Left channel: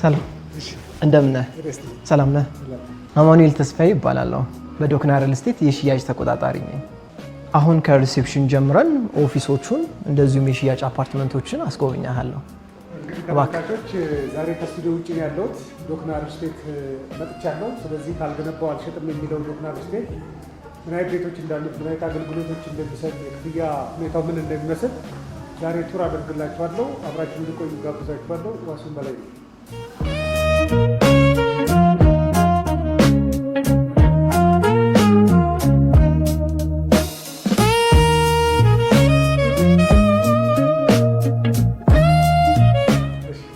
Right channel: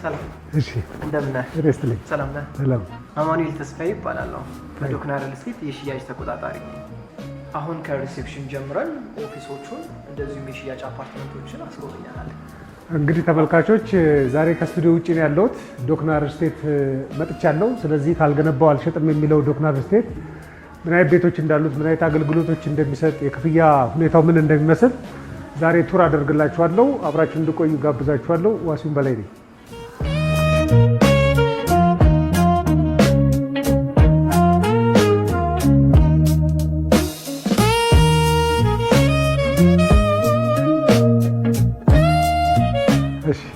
ሰላም እንደምን ነህ? ሰላም ነህ? አማኑኤል ተስፋዬ ይባላለሁ። በዶክና ሪል ስቴት የሽያጭ ተቆጣጣሪ ነኝ። አሁን ከሪሴፕሽን ጀምረን ኦፊሶቹን እንደዚሁም የሽያጭ አፓርትመንቶችን አስጎብኛለሁ። እንግዲህ ተመልካቾች ዛሬ ከስቱዲዮ ውጪ ነው ያለሁት። ዶክና ሪል ስቴት መጥቻለሁ። ስለዚህ ካልገነባው አልሸጥም የሚለው ዶክና ሪል ስቴት ምን አይነት ቤቶች እንዳሉት፣ ምን አይነት አገልግሎቶች እንደሚሰጥ፣ የክፍያ ሁኔታው ምን እንደሚመስል ዛሬ ቱር አደርግላችኋለሁ። አብራችሁ እንድቆዩ ጋብዛችኋለሁ። ዋሲሁን በላይ ነኝ።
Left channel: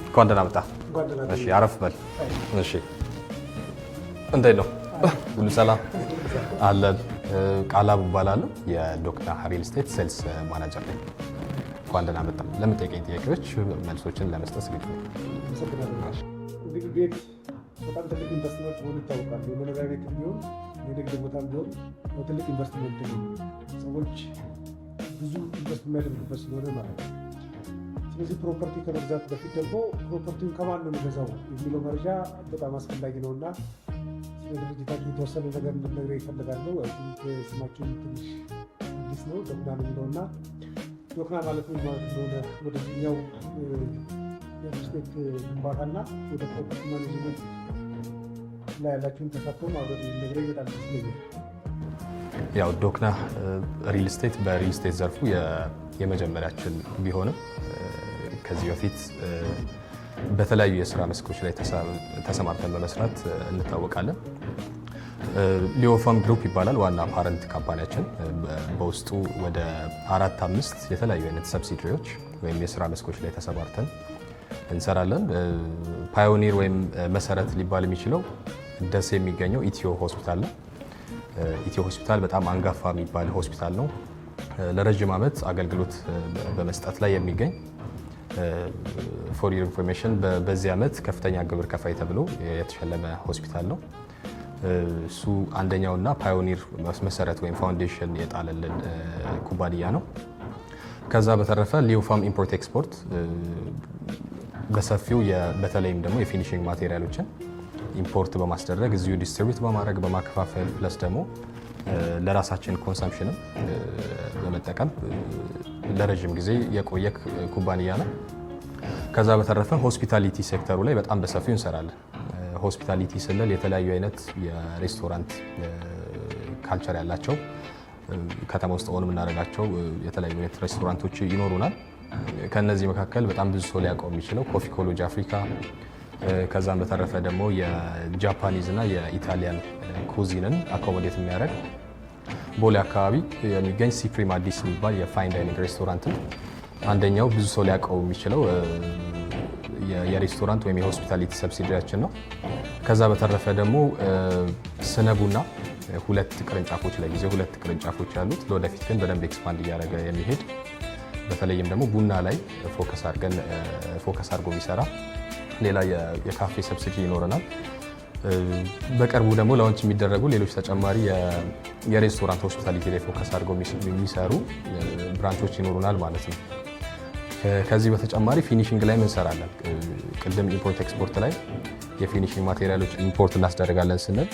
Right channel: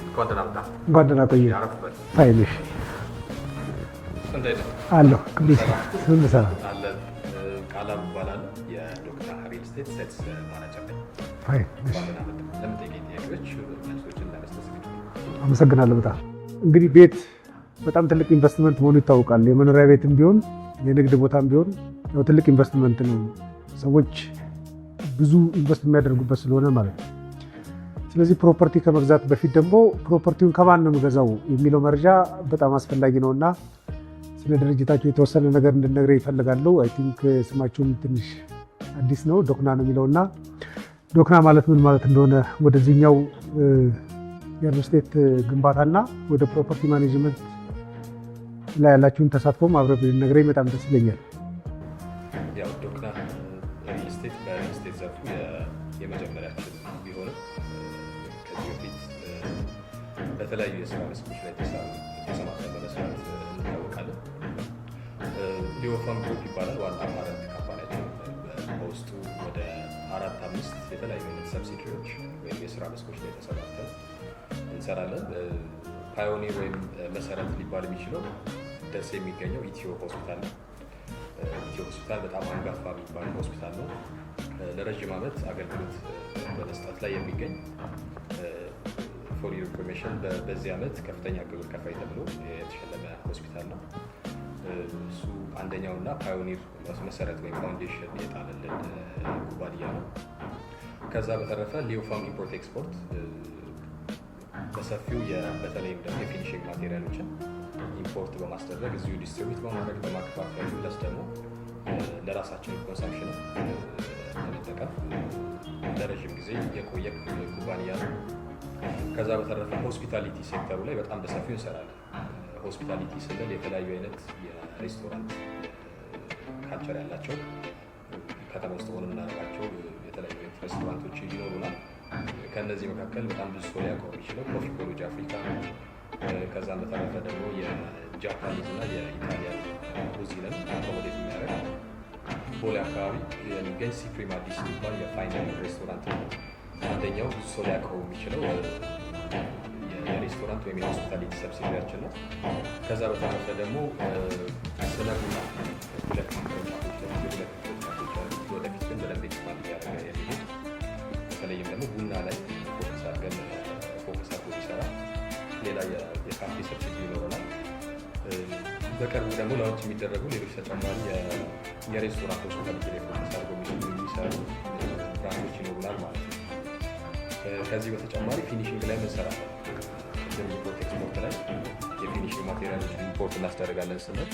እንኳን ደህና መጣህ። እንኳን ደህና ቆየህ። አረፍ በል። እሺ እንዴት ነው? አለሁ። ሰላም ሰላም አለን። ቃላብ እባላለሁ የዶክና ሪል ስቴት ሴልስ ማናጀር ነኝ። እንኳን ደህና መጣህ። ለምጠይቀኝ ጥያቄዎች መልሶችን ለመስጠት ዝግጁ ነኝ። አመሰግናለሁ በጣም። እንግዲህ ቤት በጣም ትልቅ ኢንቨስትመንት መሆኑ ይታወቃል። የመኖሪያ ቤትም ቢሆን የንግድ ቦታም ቢሆን ያው ትልቅ ኢንቨስትመንት ነው። ሰዎች ብዙ ኢንቨስት የሚያደርጉበት ስለሆነ ማለት ነው። ስለዚህ ፕሮፐርቲ ከመግዛት በፊት ደግሞ ፕሮፐርቲውን ከማን ነው የምገዛው የሚለው መረጃ በጣም አስፈላጊ ነው እና ስለ ድርጅታቸው የተወሰነ ነገር እንድነግረኝ ይፈልጋለሁ። አይ ቲንክ ስማችሁም ትንሽ አዲስ ነው፣ ዶክና ነው የሚለው እና ዶክና ማለት ምን ማለት እንደሆነ ወደዚህኛው የሪል ስቴት ግንባታና ወደ ፕሮፐርቲ ማኔጅመንት ላይ ያላችሁን ተሳትፎም አብረን ብትነግረኝ በጣም ደስ ይለኛል። ያው ዶክና ሪል ስቴት በሪል ስቴት ዘርፉ የመጀመሪያችን ቢሆንም ከዚህ በፊት በተለያዩ የስራ መስኮች ላይ ተሰማርተን በመስራት እንታወቃለን። ሊዮፋም ግሩፕ ይባላል ዋና ፓረንት ካምፓኒያችን። በውስጡ ወደ 4-5 የተለያዩ አይነት ሰብሲዲሪዎች ወይም የስራ መስኮች ላይ ተሰማርተን እንሰራለን። ፓዮኒር ወይም መሰረት ሊባል የሚችለው ደሴ የሚገኘው ኢትዮ ሆስፒታል ነው። ኢትዮ ሆስፒታል በጣም አንጋፋ የሚባል ሆስፒታል ነው። ለረጅም ዓመት አገልግሎት በመስጠት ላይ የሚገኝ ፎር ዩር ኢንፎርሜሽን በዚህ ዓመት ከፍተኛ ግብር ከፋይ ተብሎ የተሸለመ ሆስፒታል ነው። እሱ አንደኛውና ፓዮኒር መሰረት ወይም ፋውንዴሽን የጣለልን ኩባንያ ነው። ከዛ በተረፈ ሊዮፋም ኢምፖርት ኤክስፖርት በሰፊው በተለይም ደግሞ የፊኒሽንግ ማቴሪያሎችን ኢምፖርት በማስደረግ እዚሁ ዲስትሪቢዩት በማድረግ በማከፋፈል ፕለስ ደግሞ ለራሳችን ኮንሰምፕሽንም በመጠቀም ለረጅም ጊዜ የቆየ ኩባንያ ነው። ከዛ በተረፈ ሆስፒታሊቲ ሴክተሩ ላይ በጣም በሰፊው እንሰራለን። ሆስፒታሊቲ ስንል የተለያዩ አይነት የሬስቶራንት ካልቸር ያላቸው ከተማ ውስጥ ሆነ የምናደርጋቸው የተለያዩ አይነት ሬስቶራንቶች ይኖሩናል። ከነዚህ መካከል በጣም ብዙ ሰው ሊያውቀው የሚችለው ኮፊ ኮሎጂ አፍሪካ፣ ከዛም በተረፈ ደግሞ የጃፓኒዝ እና የኢታሊያን ኩዚንን አኮሞዴት የሚያደርግ ቦሌ አካባቢ የሚገኝ ሲፕሪም አዲስ የሚባል የፋይን ዳይኒንግ ሬስቶራንት አንደኛው ብዙ ሰው ሊያውቀው የሚችለው የሬስቶራንት ወይም የሆስፒታሊቲ ሰብሲዲያችን ነው። ከዛ በተረፈ ደግሞ ስነ ቡና 2 ቅርንጫፎች ለጊዜው 2 ቅርንጫፎች ያሉት ለወደፊት ግን በደንብ ኤክስፓንድ እያደረገ የሚሄድ በተለይም ደግሞ ቡና ላይ ፎከስ አድርጎ የሚሰራ ሌላ የካፌ ሰብሲዲ ይኖረናል። በቅርቡ ደግሞ ላውንች የሚደረጉ ሌሎች ተጨማሪ የሬስቶራንት ሆስፒታሊቲ ላይ ፎከስ አድርገው የሚሰሩ ብራንቾች ይኖሩናል ማለት ነው። ከዚህ በተጨማሪ ፊኒሽንግ ላይ እንሰራለን። ቅድም ኢምፖርት ኤክስፖርት ላይ የፊኒሽንግ ማቴሪያሎች ኢምፖርት እናስደርጋለን ስንል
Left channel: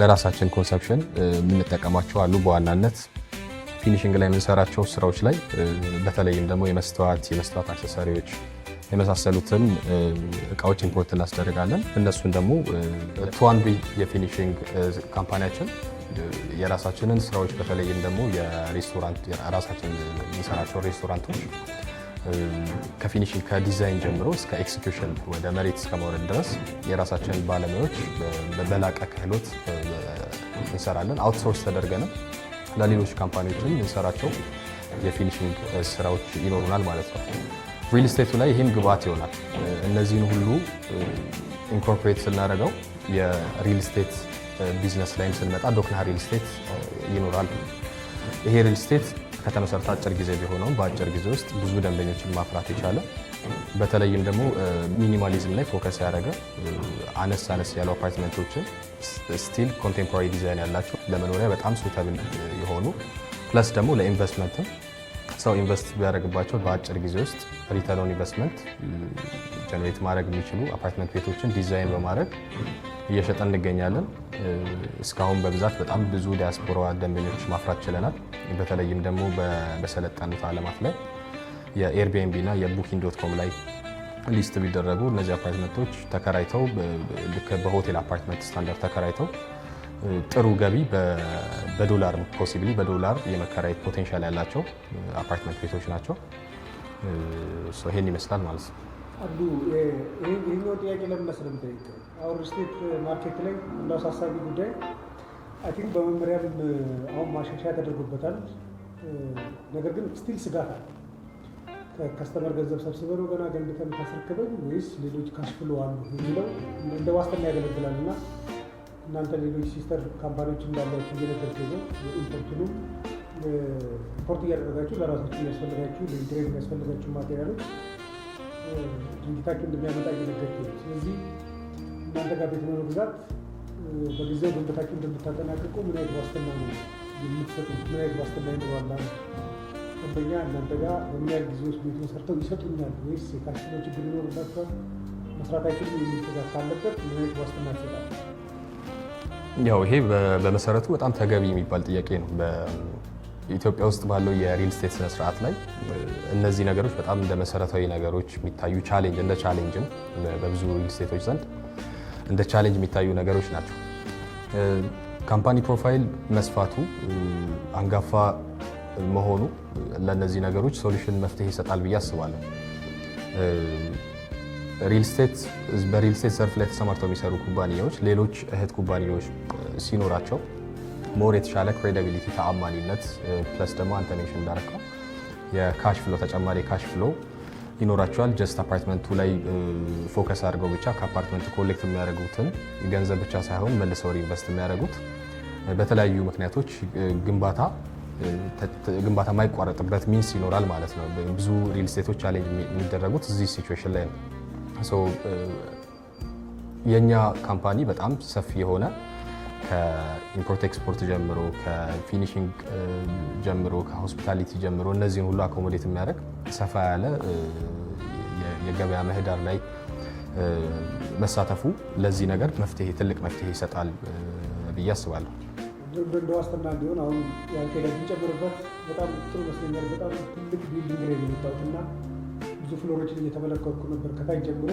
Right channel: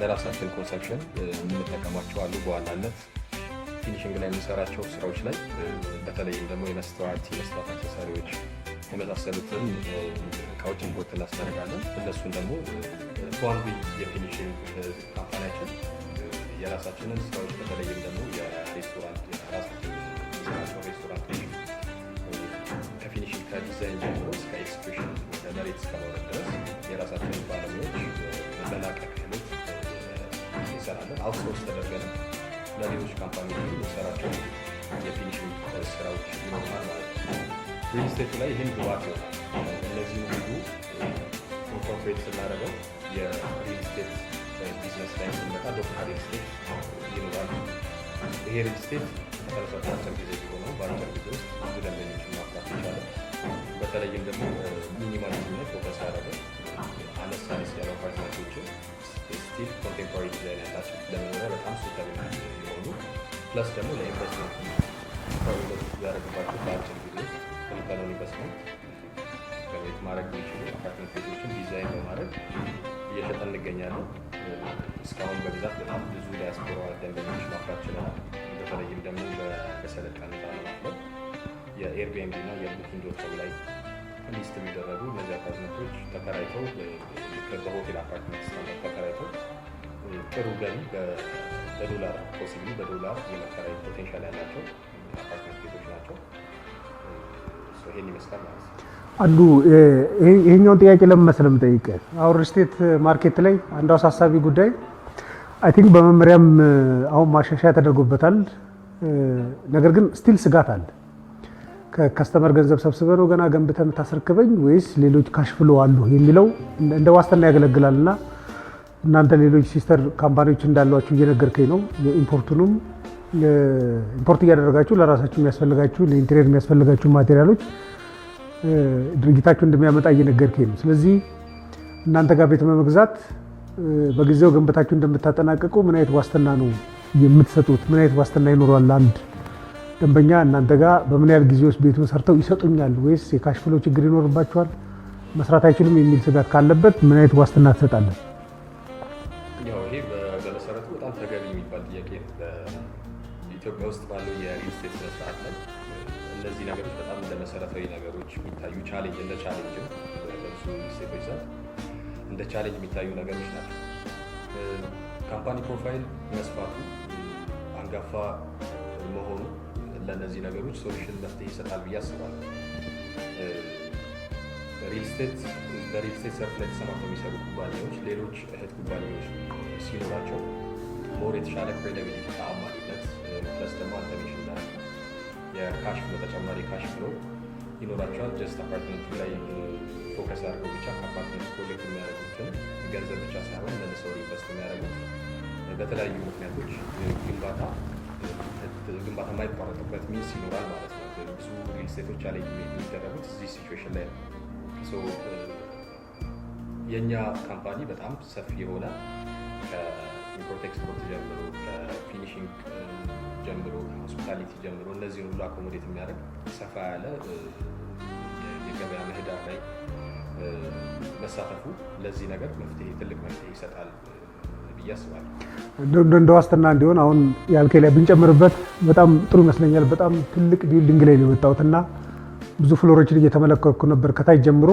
ለራሳችን ኮንሰፕሽን የምንጠቀማቸው አሉ። በዋናነት ፊኒሽንግ ላይ የምንሰራቸው ስራዎች ላይ በተለይም ደግሞ የመስተዋት አክሰሰሪዎች የመሳሰሉትን እቃዎች ኢምፖርት እናስደርጋለን። እነሱን ደግሞ ቱዋንቢ የፊኒሽንግ ካምፓኒያችን የራሳችንን ስራዎች በተለይም ደግሞ የራሳችን የሚሰራቸው ሬስቶራንቶች ከፊኒሽንግ ከዲዛይን ጀምሮ እስከ ኤክስኪዩሽን ወደ መሬት እስከመውረድ ድረስ የራሳችንን ባለሙያዎች በላቀ ክህሎት እንሰራለን። አውትሶርስ ተደርገንም ለሌሎች ካምፓኒዎችም የምንሰራቸው የፊኒሽንግ ስራዎች ይኖሩናል ማለት ነው። ሪል ስቴቱ ላይ ይህም ግብአት ይሆናል። እነዚህን ሁሉ ኢንኮርፖሬት ስናደርገው የሪል ስቴት ቢዝነስ ላይም ስንመጣ ዶክና ሪል ስቴት ይኖራል። ይሄ ሪል ስቴት ከተመሰረተ አጭር ጊዜ ቢሆነው በአጭር ጊዜ ውስጥ ብዙ ደንበኞችን ማፍራት የቻለ በተለይም ደግሞ ሚኒማሊዝም ላይ ፎከስ ያደረገ አነስ ያሉ አፓርትመንቶችን ስቲል ኮንቴምፖራሪ ዲዛይን ያላቸው ለመኖሪያ በጣም ሱተብል የሆኑ ፕለስ ደግሞ ለኢንቨስትመንት ሰው ኢንቨስት ቢያደርግባቸው በአጭር ጊዜ ውስጥ ሪተርን ኦን ኢንቨስትመንት ጀነሬት ማድረግ የሚችሉ አፓርትመንት ቤቶችን ዲዛይን በማድረግ እየሸጠን እንገኛለን። እስካሁን በብዛት በጣም ብዙ ዲያስፖራ ደንበኞች ማፍራት ችለናል። በተለይም ደግሞ በሰለጠኑት ዓለማት ላይ የኤርቢኤንቢ እና የቡኪንግ.ኮም ላይ ሊስት ቢደረጉ እነዚህ አፓርትመንቶች ተከራይተው ልክ በሆቴል አፓርትመንት ስታንዳርድ ተከራይተው ጥሩ ገቢ በዶላር ፖሲብሊ በዶላር የመከራየት ፖቴንሻል ያላቸው አፓርትመንት ቤቶች ናቸው። ይሄን ይመስላል ማለት ነው። አንዱ ይሄኛውን ጥያቄ ለምን መሰለህ የምጠይቅህ፣ አሁን ሪል ስቴት ማርኬት ላይ አንዱ አሳሳቢ ጉዳይ አይ ቲንክ በመመሪያም አሁን ማሻሻያ ተደርጎበታል። ነገር ግን ስቲል ስጋት አለ። ከከስተመር ገንዘብ ሰብስበህ ነው ገና ገንብተህ የምታስረክበኝ ወይስ ሌሎች ካሽ ፍሎ አሉ የሚለው እንደ ዋስትና ያገለግላል። እና እናንተ ሌሎች ሲስተር ካምፓኒዎች እንዳሏችሁ እየነገርከኝ ነው። የኢምፖርቱንም ኢምፖርት እያደረጋችሁ ለራሳችሁ የሚያስፈልጋችሁ ለኢንቴሪየር የሚያስፈልጋችሁ ማቴሪያሎች ድርጅታችሁ እንደሚያመጣ እየነገርከኝ ነው። ስለዚህ እናንተ ጋር ቤት በመግዛት በጊዜው ገንብታችሁ እንደምታጠናቀቁ ምን አይነት ዋስትና ነው የምትሰጡት? ምን አይነት ዋስትና ይኖራል? አንድ ደንበኛ እናንተ ጋር በምን ያህል ጊዜ ውስጥ ቤቱን ሰርተው ይሰጡኛል ወይስ የካሽ ፍሎ ችግር ይኖርባቸዋል መስራት አይችልም የሚል ስጋት ካለበት ምን አይነት ዋስትና ትሰጣለን? ያው ይሄ በመሰረቱ በጣም ተገቢ የሚባል ጥያቄ ነው። በኢትዮጵያ ውስጥ ባለው የሪል ስቴት ስነ ስርዓት ላይ እነዚህ ነገሮች በጣም እንደ መሰረታዊ ነገሮች የሚታዩ ቻሌንጅ እንደ ቻሌንጅም በብዙ ሪል ስቴቶች ዘንድ እንደ ቻሌንጅ የሚታዩ ነገሮች ናቸው። ካምፓኒ ፕሮፋይል መስፋቱ አንጋፋ መሆኑ ለእነዚህ ነገሮች ሶሉሽን መፍትሄ ይሰጣል ብዬ አስባለሁ። በሪል ስቴት ዘርፍ ላይ ተሰማርተው የሚሰሩ ኩባንያዎች ሌሎች እህት ኩባንያዎች ሲኖራቸው ሞር የተሻለ ክሬዲቢሊቲ ተአማኒነት ፕለስ ደግሞ አንተ ሜንሽን እንዳደረከው የካሽ ፍሎ ተጨማሪ ካሽ ፍሎ ይኖራቸዋል። ጀስት አፓርትመንቱ ላይ ፎከስ አድርገው ብቻ ከአፓርትመንቱ ኮሌክት የሚያደርጉትን ገንዘብ ብቻ ሳይሆን መልሰው ኢንቨስት የሚያደርጉት በተለያዩ ምክንያቶች ግንባታ የማይቋረጥበት ሚንስ ይኖራል ማለት ነው። ብዙ ሪል ስቴቶች ቻሌንጅ የሚደረጉት እዚህ ሲቹዌሽን ላይ ነው። የእኛ ካምፓኒ በጣም ሰፊ የሆነ ከኢምፖርት ኤክስፖርት ጀምሮ ከፊኒሽንግ ጀምሮ ከሆስፒታሊቲ ጀምሮ እነዚህን ሁሉ አኮሞዴት የሚያደርግ ሰፋ ያለ የገበያ ምህዳር ላይ መሳተፉ ለዚህ ነገር ትልቅ መፍትሄ ይሰጣል ብዬ አስባለሁ። እንደ ዋስትና እንዲሆን አሁን ያልከኝ ላይ ብንጨምርበት በጣም ጥሩ ይመስለኛል። በጣም ትልቅ ቢልዲንግ ላይ ነው የወጣሁት እና ብዙ ፍሎሮችን እየተመለከትኩ ነበር ከታች ጀምሮ።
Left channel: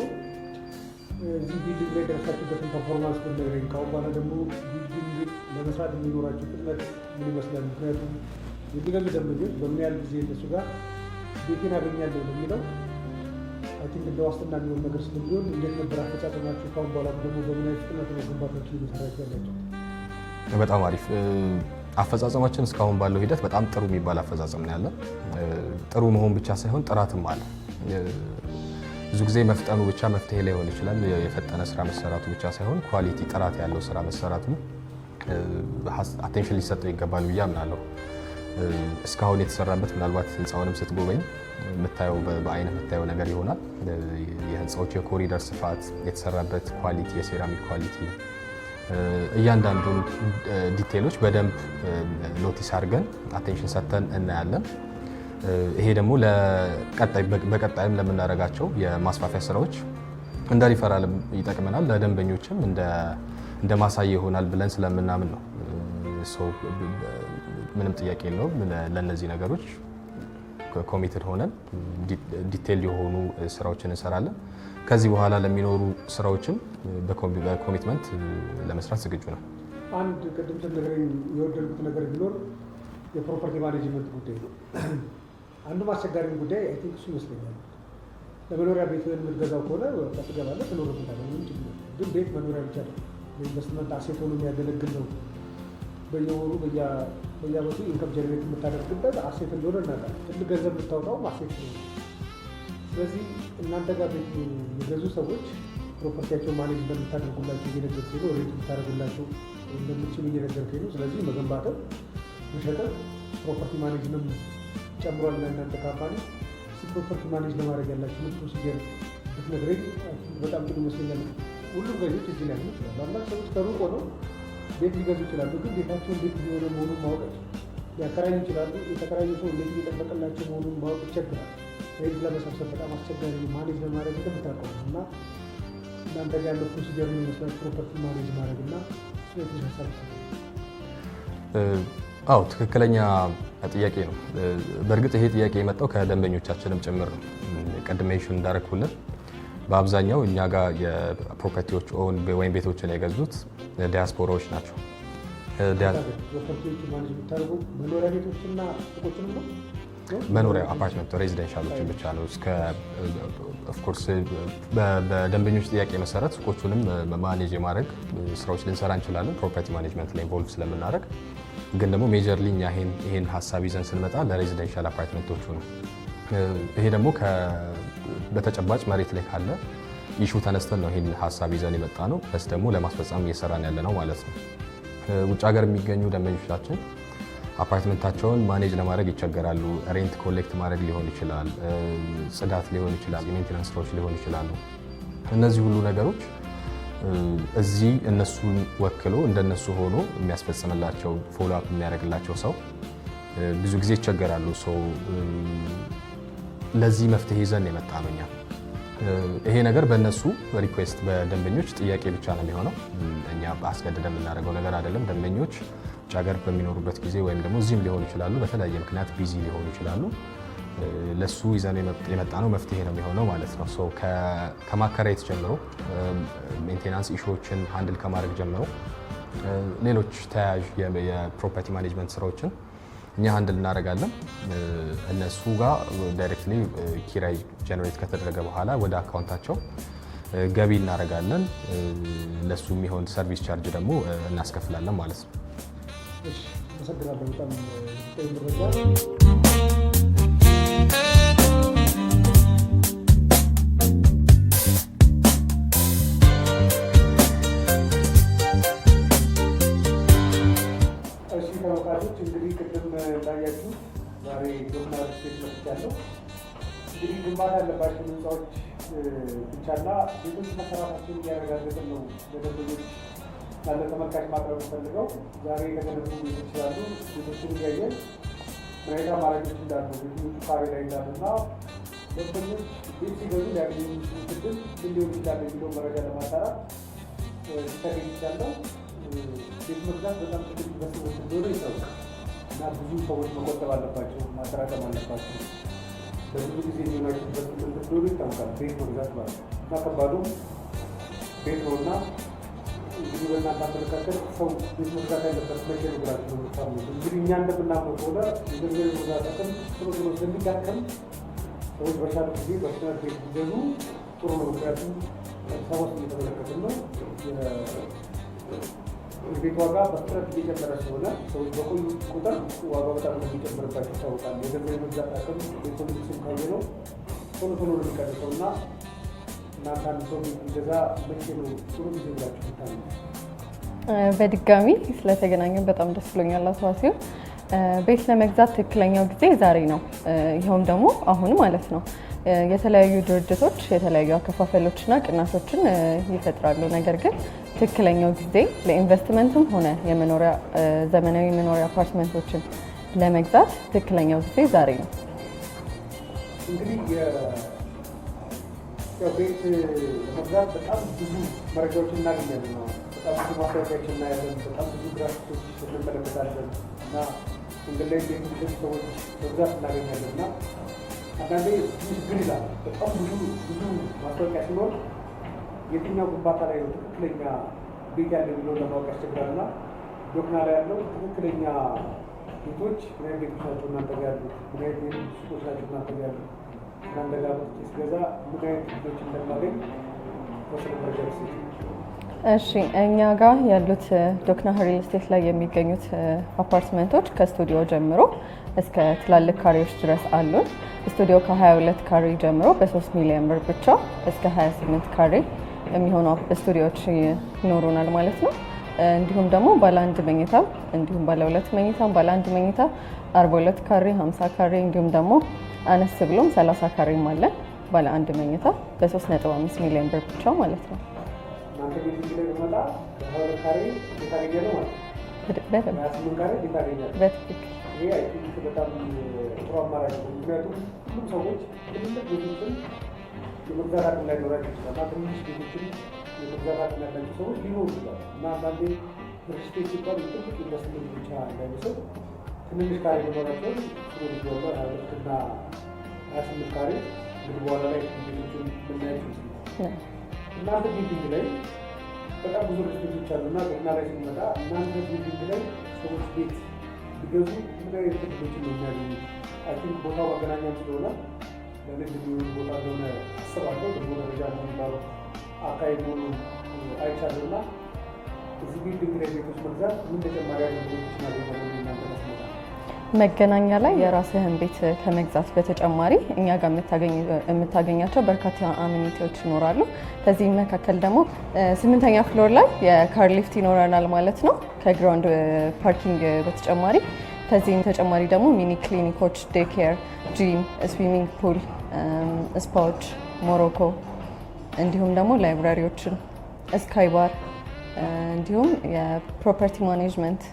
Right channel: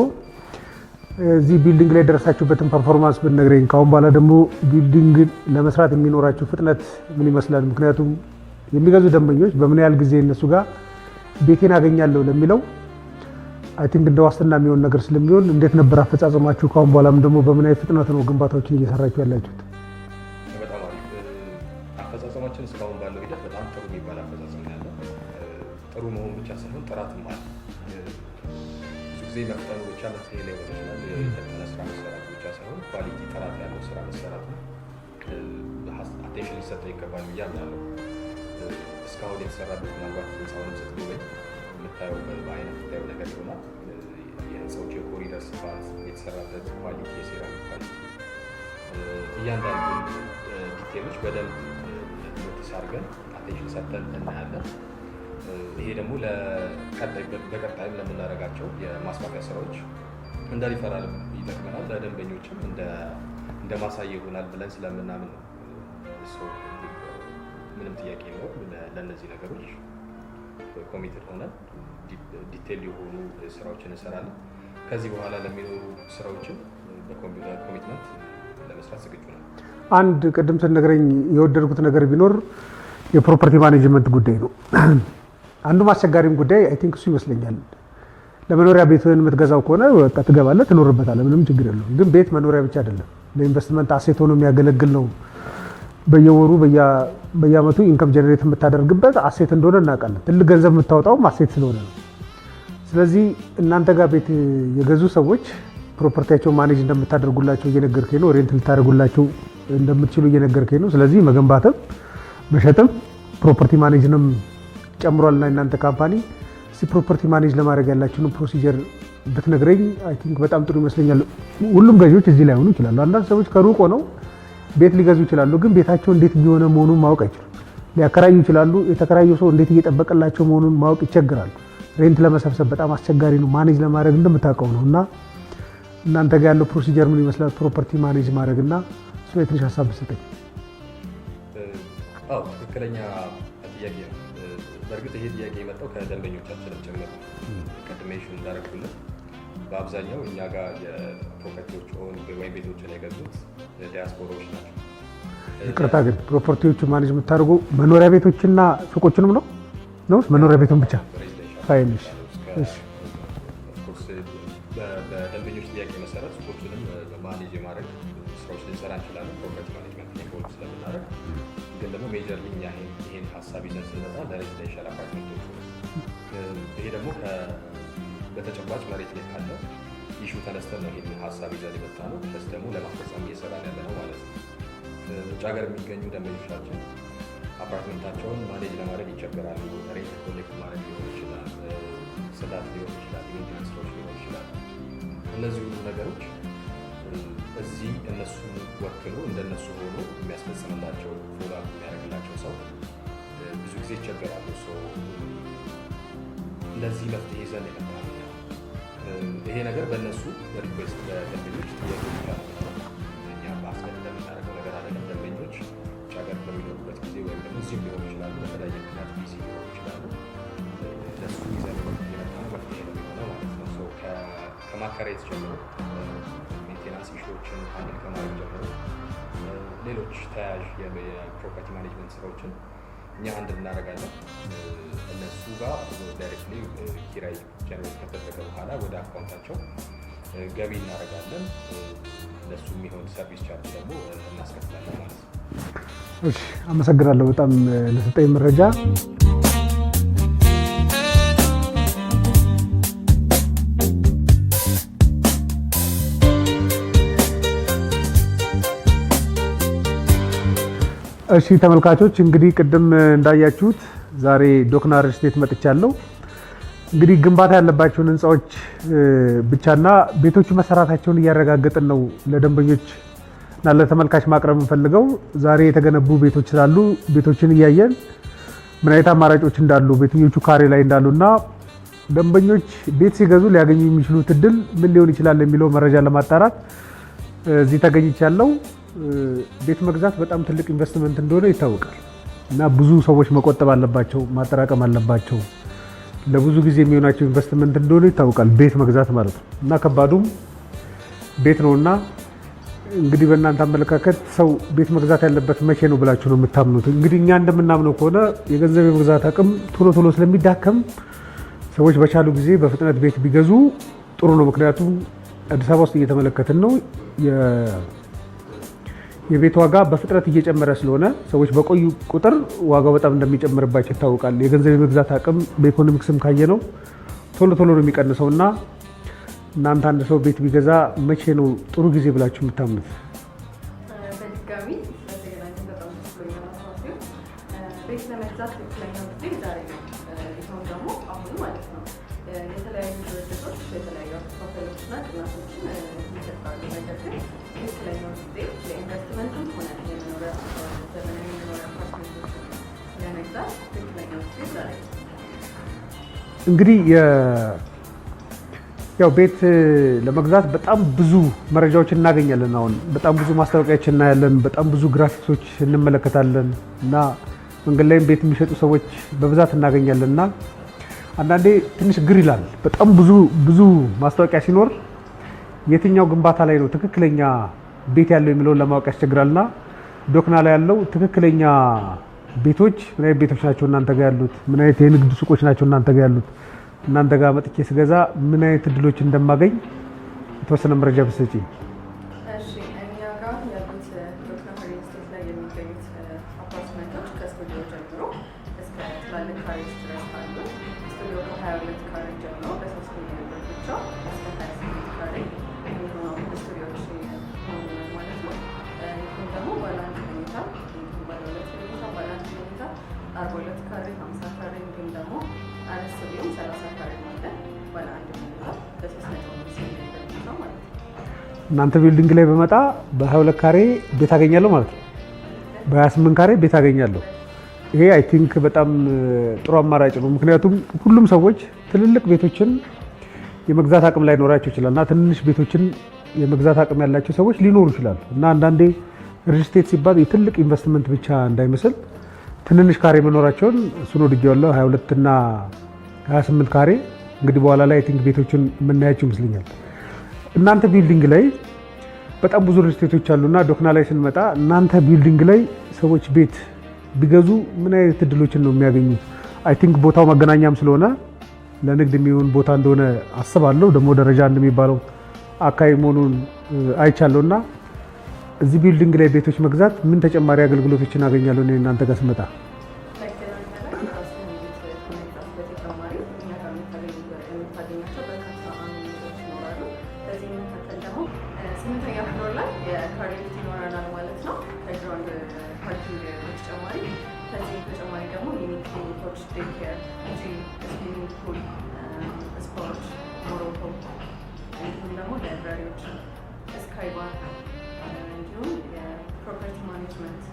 እዚህ ቢልዲንግ ላይ ደረሳችሁበትን ፐርፎርማንስ ብትነግረኝ፣ ከአሁን በኋላ ደግሞ ቢልዲንግ ለመስራት የሚኖራችሁ ፍጥነት ምን ይመስላል? ምክንያቱም የሚገዙ ደንበኞች በምን ያህል ጊዜ እነሱ ጋር ቤቴን አገኛለሁ ለሚለው አይ ቲንክ እንደ ዋስትና የሚሆን ነገር ስለሚሆን እንዴት ነበር አፈጻጸማችሁ? ከአሁን በኋላም ደግሞ በምን አይነት ፍጥነት ነው ግንባታዎችን እየሰራችሁ ያላችሁት? በጣም አሪፍ አፈጻጸማችን እስካሁን ባለው ሂደት በጣም ጥሩ የሚባል አፈጻጸም ነው ያለው። ጥሩ መሆን ብቻ ሳይሆን ጥራትም አለ። ብዙ ጊዜ መፍጠኑ ብቻ መፍትሄ ላይሆን ይችላል። የፈጠነ ስራ መሰራቱ ብቻ ሳይሆን ኳሊቲ ጥራት ያለው ስራ መሰራቱ አቴንሽን ሊሰጠው ይገባል ብዬ አምናለሁ። እስካሁን የተሰራበት ምናልባት ህንፃውንም ስትጎበኝ የምታየው በአይን የምታየው ነገር ይሆናል። የህንፃዎች የኮሪደር ስፋት፣ የተሰራበት ኳሊቲ፣ የሴራሚክ ኳሊቲ እያንዳንዱን ዲቴሎች በደንብ ኖቲስ አድርገን አቴንሽን ሰጥተን እናያለን። ይሄ ደግሞ በቀጣይም ለምናደርጋቸው የማስፋፊያ ስራዎች እንደ ሪፈራልም ይጠቅመናል፣ ለደንበኞችም እንደ ማሳያ ይሆናል ብለን ስለምናምን ነው። ምንም ጥያቄ የለውም። ለእነዚህ ነገሮች ኮሚትድ ሆነን ዲቴል የሆኑ ስራዎችን እንሰራለን። ከዚህ በኋላ ለሚኖሩ ስራዎችም በኮሚትመንት ለመስራት ዝግጁ ነው። አንድ ቅድም ስትነግረኝ የወደድኩት ነገር ቢኖር የፕሮፐርቲ ማኔጅመንት ጉዳይ ነው። አንዱ አስቸጋሪም ጉዳይ አይ ቲንክ እሱ ይመስለኛል። ለመኖሪያ ቤትህን የምትገዛው ከሆነ በቃ ትገባለህ፣ ትኖርበታለህ፣ ምንም ችግር የለውም። ግን ቤት መኖሪያ ብቻ አይደለም፣ ለኢንቨስትመንት አሴት ሆኖ የሚያገለግል ነው። በየወሩ በየአመቱ ኢንከም ጀነሬት የምታደርግበት አሴት እንደሆነ እናውቃለን። ትልቅ ገንዘብ የምታወጣውም አሴት ስለሆነ ነው። ስለዚህ እናንተ ጋር ቤት የገዙ ሰዎች ፕሮፐርቲያቸውን ማኔጅ እንደምታደርጉላቸው እየነገርከኝ ነው። ሬንት ልታደርጉላቸው እንደምትችሉ እየነገርከኝ ነው። ስለዚህ መገንባትም መሸጥም ፕሮፐርቲ ማኔጅንም ጨምሯልና እናንተ ካምፓኒ ፕሮፐርቲ ማኔጅ ለማድረግ ያላችሁን ፕሮሲጀር ብትነግረኝ አይ ቲንክ በጣም ጥሩ ይመስለኛል። ሁሉም ገዢዎች እዚህ ላይ ሆኑ ይችላሉ። አንዳንድ ሰዎች ከሩቅ ሆነው ቤት ሊገዙ ይችላሉ፣ ግን ቤታቸው እንዴት እየሆነ መሆኑን ማወቅ አይችሉም። ሊያከራዩ ይችላሉ፣ የተከራዩ ሰው እንዴት እየጠበቀላቸው መሆኑን ማወቅ ይቸግራሉ። ሬንት ለመሰብሰብ በጣም አስቸጋሪ ነው፣ ማኔጅ ለማድረግ እንደምታውቀው ነው። እና እናንተ ጋር ያለው ፕሮሲጀር ምን ይመስላል? ፕሮፐርቲ ማኔጅ ማድረግ እና እሱ ላይ ትንሽ ሀሳብ ብትሰጠኝ። አዎ ትክክለኛ ጥያቄ ነው። በእርግጥ ይሄ ጥያቄ የመጣው ከደንበኞቻችንም ጭምር ነው። ቅድም ሜንሽን እንዳደረኩልን በአብዛኛው እኛ ጋር የፕሮፐርቲዎች ወይም ቤቶችን የገዙት ዲያስፖራዎች ናቸው። ከታ ግን ፕሮፐርቲዎቹ ማኔጅ የምታደርጉ መኖሪያ ቤቶችና ሱቆችንም ነው? መኖሪያ ቤቱን ብቻ ሬዚደንሻል ነው። ኦፍኮርስ በደንበኞች ጥያቄ መሰረት ሱቆቹንም ማኔጅ የማድረግ ስራዎች ልንሰራ እንችላለን፣ ፕሮፐርቲ ማኔጅመንት ላይ ኢንቮልቭ ስለምናደርግ። ግን ደግሞ ሜጀርሊ እኛ ይሄን ሀሳብ ይዘን ስንመጣ ለሬዚደንሻል አፓርትመንቶቹ ነው። ይሄ ደግሞ በተጨባጭ መሬት ላይ ካለ ኢሹ ተነስተን ነው ይሄን ሀሳብ ይዘን የመጣ ነው። ፕለስ ደግሞ ለማስፈጸም እየሰራን ያለ ነው ማለት ነው። ውጭ ሀገር የሚገኙ ደንበኞቻችን አፓርትመንታቸውን ማኔጅ ለማድረግ ይቸገራሉ። ሬንት ኮሌክት ማድረግ ሊሆን ይችላል፣ ጽዳት ሊሆን ይችላል፣ የሜንቴናንስ ስራዎች ሊሆን ይችላሉ። እነዚህ ሁሉ ነገሮች እዚህ እነሱን ወክሎ እንደነሱ ሆኖ የሚያስፈጽምላቸው ፎሎ አፕ የሚያደርግላቸው ሰው ብዙ ጊዜ ይቸገራሉ። ለዚህ መፍትሄ ይዘን የመጣ ነው እኛ። ይሄ ነገር በእነሱ ሪኩዌስት በደንበኞች ጥያቄ ብቻ ነው የሚሆነው። እኛ አስገድደን የምናደርገው ነገር አይደለም። ደንበኞች ውጭ ሀገር በሚኖሩበት ጊዜ ወይም ደግሞ እዚህም ሊሆኑ ይችላሉ፣ በተለያየ ምክንያት ቢዚ ሊሆኑ ይችላሉ። ለሱ ይዘን የመጣ ነው መፍትሄ ነው የሚሆነው ማለት ነው። ከማከራየት ጀምሮ ሜንቴናንስ ኢሹዎችን ሃንድል ከማድረግ ጀምሮ ሌሎች ተያያዥ የፕሮፐርቲ ማኔጅመንት ስራዎችን እኛ ሃንድል እናደርጋለን። እነሱ ጋር ዳይሬክትሊ ኪራይ ጀነሬት ከተደረገ በኋላ ወደ አካውንታቸው ገቢ እናደርጋለን። ለሱ የሚሆን ሰርቪስ ቻርጅ ደግሞ እናስከፍላለን ማለት ነው። እሺ፣ አመሰግናለሁ በጣም ለሰጠኝ መረጃ። እሺ ተመልካቾች፣ እንግዲህ ቅድም እንዳያችሁት ዛሬ ዶክና ሪል ስቴት መጥቻለሁ። እንግዲህ ግንባታ ያለባቸውን ህንፃዎች ብቻና ቤቶቹ መሰራታቸውን እያረጋገጥን ነው ለደንበኞች እና ለተመልካች ማቅረብ የምንፈልገው። ዛሬ የተገነቡ ቤቶች ስላሉ ቤቶችን እያየን ምን አይነት አማራጮች እንዳሉ፣ ቤትኞቹ ካሬ ላይ እንዳሉና ደንበኞች ቤት ሲገዙ ሊያገኙ የሚችሉት እድል ምን ሊሆን ይችላል የሚለው መረጃ ለማጣራት እዚህ ተገኝቻለሁ። ቤት መግዛት በጣም ትልቅ ኢንቨስትመንት እንደሆነ ይታወቃል እና ብዙ ሰዎች መቆጠብ አለባቸው፣ ማጠራቀም አለባቸው። ለብዙ ጊዜ የሚሆናቸው ኢንቨስትመንት እንደሆነ ይታወቃል ቤት መግዛት ማለት ነው እና ከባዱም ቤት ነውና እንግዲህ በእናንተ አመለካከት ሰው ቤት መግዛት ያለበት መቼ ነው ብላችሁ ነው የምታምኑት? እንግዲህ እኛ እንደምናምነው ከሆነ የገንዘብ የመግዛት አቅም ቶሎ ቶሎ ስለሚዳከም ሰዎች በቻሉ ጊዜ በፍጥነት ቤት ቢገዙ ጥሩ ነው። ምክንያቱም አዲስ አበባ ውስጥ እየተመለከትን ነው የቤት ዋጋ በፍጥነት እየጨመረ ስለሆነ ሰዎች በቆዩ ቁጥር ዋጋው በጣም እንደሚጨምርባቸው ይታወቃል። የገንዘብ የመግዛት አቅም በኢኮኖሚክስም ካየ ነው ቶሎ ቶሎ ነው የሚቀንሰው እና እናንተ አንድ ሰው ቤት ቢገዛ መቼ ነው ጥሩ ጊዜ ብላችሁ የምታምኑት? በድጋሚ ስለተገናኘን በጣም ደስ ብሎኛል። አስዋሲው ቤት ለመግዛት ትክክለኛው ጊዜ ዛሬ ነው። ይኸውን ደግሞ አሁን ማለት ነው። የተለያዩ ድርጅቶች የተለያዩ አከፋፈሎችና ቅናሾችን ይፈጥራሉ። ነገር ግን ትክክለኛው ጊዜ ለኢንቨስትመንትም ሆነ ዘመናዊ መኖሪያ አፓርትመንቶችን ለመግዛት ትክክለኛው ጊዜ ዛሬ ነው። እንግዲህ ያው ቤት ለመግዛት በጣም ብዙ መረጃዎችን እናገኛለን። አሁን በጣም ብዙ ማስታወቂያዎችን እናያለን፣ በጣም ብዙ ግራፊክሶች እንመለከታለን እና መንገድ ላይም ቤት የሚሸጡ ሰዎች በብዛት እናገኛለን እና አንዳንዴ ትንሽ ግር ይላል። በጣም ብዙ ማስታወቂያ ሲኖር የትኛው ግንባታ ላይ ነው ትክክለኛ ቤት ያለው የሚለውን ለማወቅ ያስቸግራልና ዶክና ላይ ያለው ትክክለኛ ቤቶች ምን አይነት ቤቶች ናቸው እናንተ ጋር ያሉት? ምን አይነት የንግድ ሱቆች ናቸው እናንተ ጋር ያሉት? እናንተ ጋር መጥቼ ስገዛ ምን አይነት እድሎች እንደማገኝ የተወሰነ መረጃ ብትሰጪኝ። እሺ፣ እኛ ጋር ያሉት ዶክና ሪል ስቴት ላይ የሚገኙት አፓርትመንቶች ከስቱዲዮ ጀምሮ እስከ ትላልቅ ካሬዎች ድረስ አሉ። ስቱዲዮ ከ22 ካሬ ጀምሮ በ3 ሚሊዮን ብር ብቻ እስከ 28 ካሬ የሚሆኑ ስቱዲዮዎች ይኖሩናል ማለት ነው። እንዲሁም ደግሞ ባለ 1 መኝታ እንዲሁም ባለ 2 መኝታ፣ ባለ 1 መኝታ 42 ካሬ፣ 50 ካሬ እንዲሁም ደግሞ አነስ ብሎም 30 ካሬም አለ። ባለ 1 መኝታ በ3.5 ሚሊዮን ብር ብቻ ማለት ነው። እናንተ ቢልዲንግ ላይ በመጣ በ22 ካሬ ቤት አገኛለሁ ማለት ነው። በ28 ካሬ ቤት አገኛለሁ። ይሄ አይ ቲንክ በጣም ጥሩ አማራጭ ነው። ምክንያቱም ሁሉም ሰዎች ትልልቅ ቤቶችን የመግዛት አቅም ላይኖራቸው ይችላል እና ትንንሽ ቤቶችን የመግዛት አቅም ያላቸው ሰዎች ሊኖሩ ይችላሉ እና አንዳንዴ ሪል ስቴት ሲባል የትልቅ ኢንቨስትመንት ብቻ እንዳይመስል ትንንሽ ካሬ መኖራቸውን እሱን ወድጄዋለሁ። 22 እና 28 ካሬ እንግዲህ በኋላ ላይ አይ ቲንክ ቤቶችን የምናያቸው ይመስለኛል። እናንተ ቢልዲንግ ላይ በጣም ብዙ ሪል ስቴቶች አሉና ዶክና ላይ ስንመጣ እናንተ ቢልዲንግ ላይ ሰዎች ቤት ቢገዙ ምን አይነት እድሎችን ነው የሚያገኙት? አይ ቲንክ ቦታው መገናኛም ስለሆነ ለንግድ የሚሆን ቦታ እንደሆነ አስባለሁ። ደግሞ ደረጃ እንደሚባለው አካባቢ መሆኑን አይቻለሁ እና እዚህ ቢልዲንግ ላይ ቤቶች መግዛት ምን ተጨማሪ አገልግሎቶችን አገኛለሁ እናንተ ጋር ስመጣ? መገናኛ ላይ የራስህን ቤት ከመግዛት በተጨማሪ እኛ ጋር የምታገኛቸው በርካታ አሚኒቲዎች ይኖራሉ። ከዚህም መካከል ደግሞ 8ኛ ፍሎር ላይ የካር ሊፍት ይኖረናል ማለት ነው ከግራውንድ ፓርኪንግ በተጨማሪ። ከዚህም ተጨማሪ ደግሞ ሚኒ ክሊኒኮች፣ ዴይኬር፣ ጂም፣ ስዊሚንግ ፑል፣ ስፓዎች፣ ሞሮኮ እንዲሁም ደግሞ ላይብራሪዎችን፣ ስካይ ባር እንዲሁም የፕሮፐርቲ ማኔጅመንት